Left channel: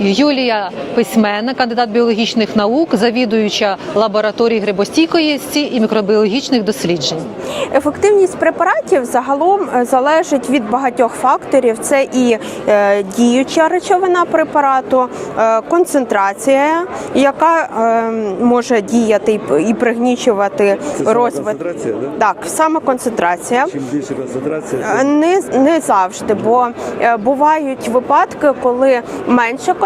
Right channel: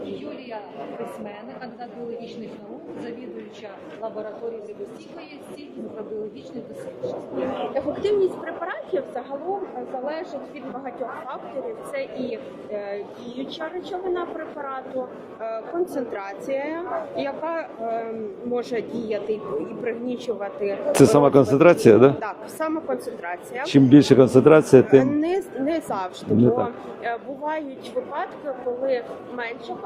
Юлія Письменна, кандидат біологічних наук, завідуюча лабораторії грибостійкості і мікробіологічних досліджень. Ефективність препаратів загалом е, залежить від багатьох факторів. Це і е, діюча речовина препарату, е, концентрація, яка може діяти і пригнічувати Це сама концентрація, да? Так, саме концентрація. Чим більше концентрація, тим Не, не завжди, бо е, бувають випадки, коли менша концентрація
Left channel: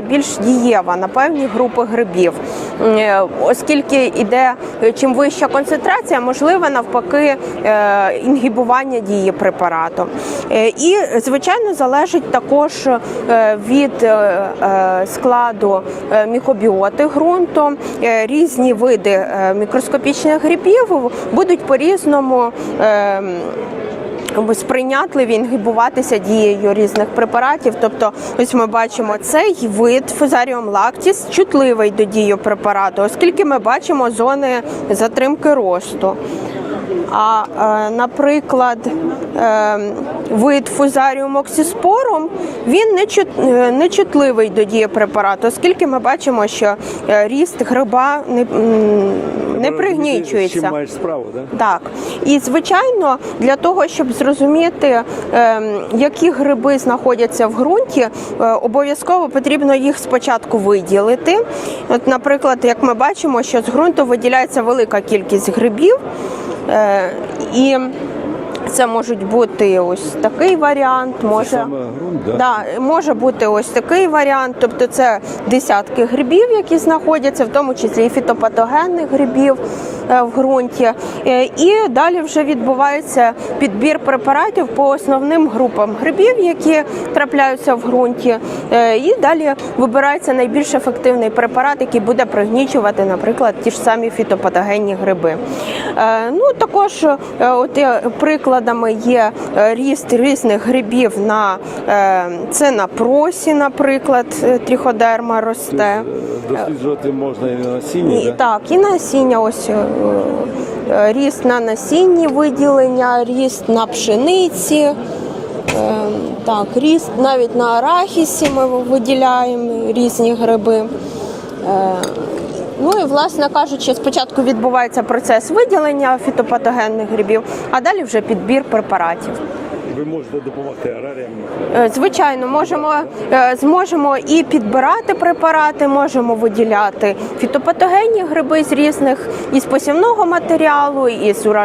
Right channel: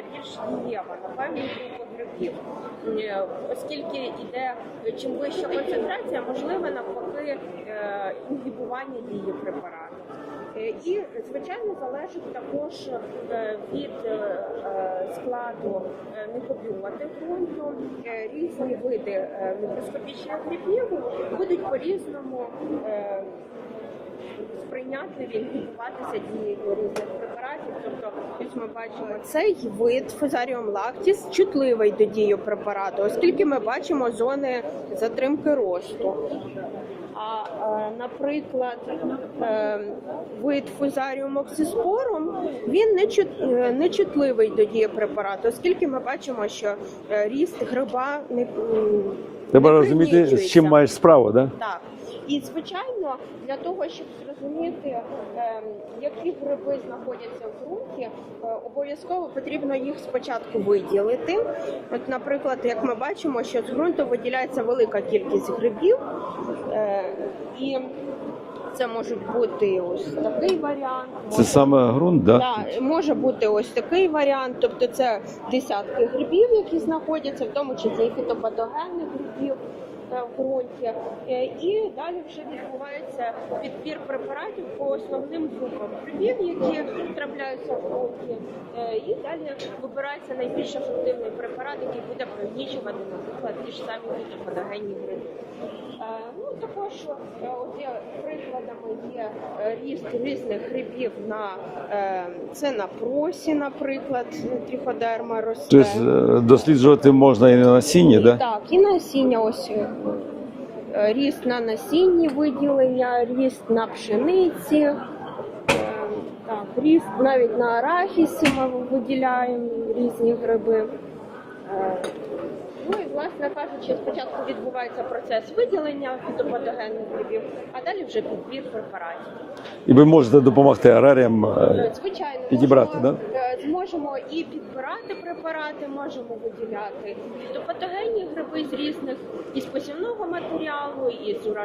більш дієва на певні групи грибів. Е, Оскільки іде е, чим вища концентрація, можливе навпаки е, інгібування дії препарату. І звичайно залежить також від складу мікробіоти ґрунту. Різні види мікроскопічних грибів будуть по-різному. е, сприйнятливі інгибуватися дією різних препаратів. Тобто, ось ми бачимо цей вид фузаріум лактіс чутливий до дії препарату, оскільки ми бачимо зони затримки росту. А, е, наприклад, е, вид фузаріум оксіспорум, він не, е, чутливий до дії препарату, оскільки ми бачимо, що ріст гриба не, не пригнічується. чим маєш справу, да? Так, і звичайно, для того, щоб зрозуміти, ем, які гриби знаходяться в ґрунті, обов'язково потрібно їх спочатку виділити. От, наприклад, як ми бачимо, що з ґрунту виділяється велика кількість грибів, і це можуть бути ось такий варіант. Це Може... саме ґрунт, да? Да, може бути ось такий варіант, тобто це десятки грибів, які знаходяться, в тому числі і фітопатогенних грибів е, в ґрунті. Е, І далі вже відбувається підбір препаратів по основним групам грибів, які трапляються в ґрунті. Е, І далі вибирається найбільш ефективний препарат, який буде пригнічувати, наприклад, ті ж самі фітопатогенні гриби. Ну також от е, прикладами є е, ріст різних грибів на е, це на просі, наприклад, е, тріходерма росте. Тобто досліджувати можна і на насінні, І, да? Так, і насіння, ось ріст на насінні виділення, ріст на пшениці. Так, ріст навіть на арахісі ми виділяємо різні гриби. Ну і власне кажучи, спочатку відбувається процес виділення фітопатогенних грибів, а далі вже підбір препаратів. І ви можете допомогти аграріям. е, Е, Звичайно, можемо Підібрати, е, зможемо і підбирати препарати, можемо виділяти фітопатогенні гриби з різних із посівного матеріалу, із уражених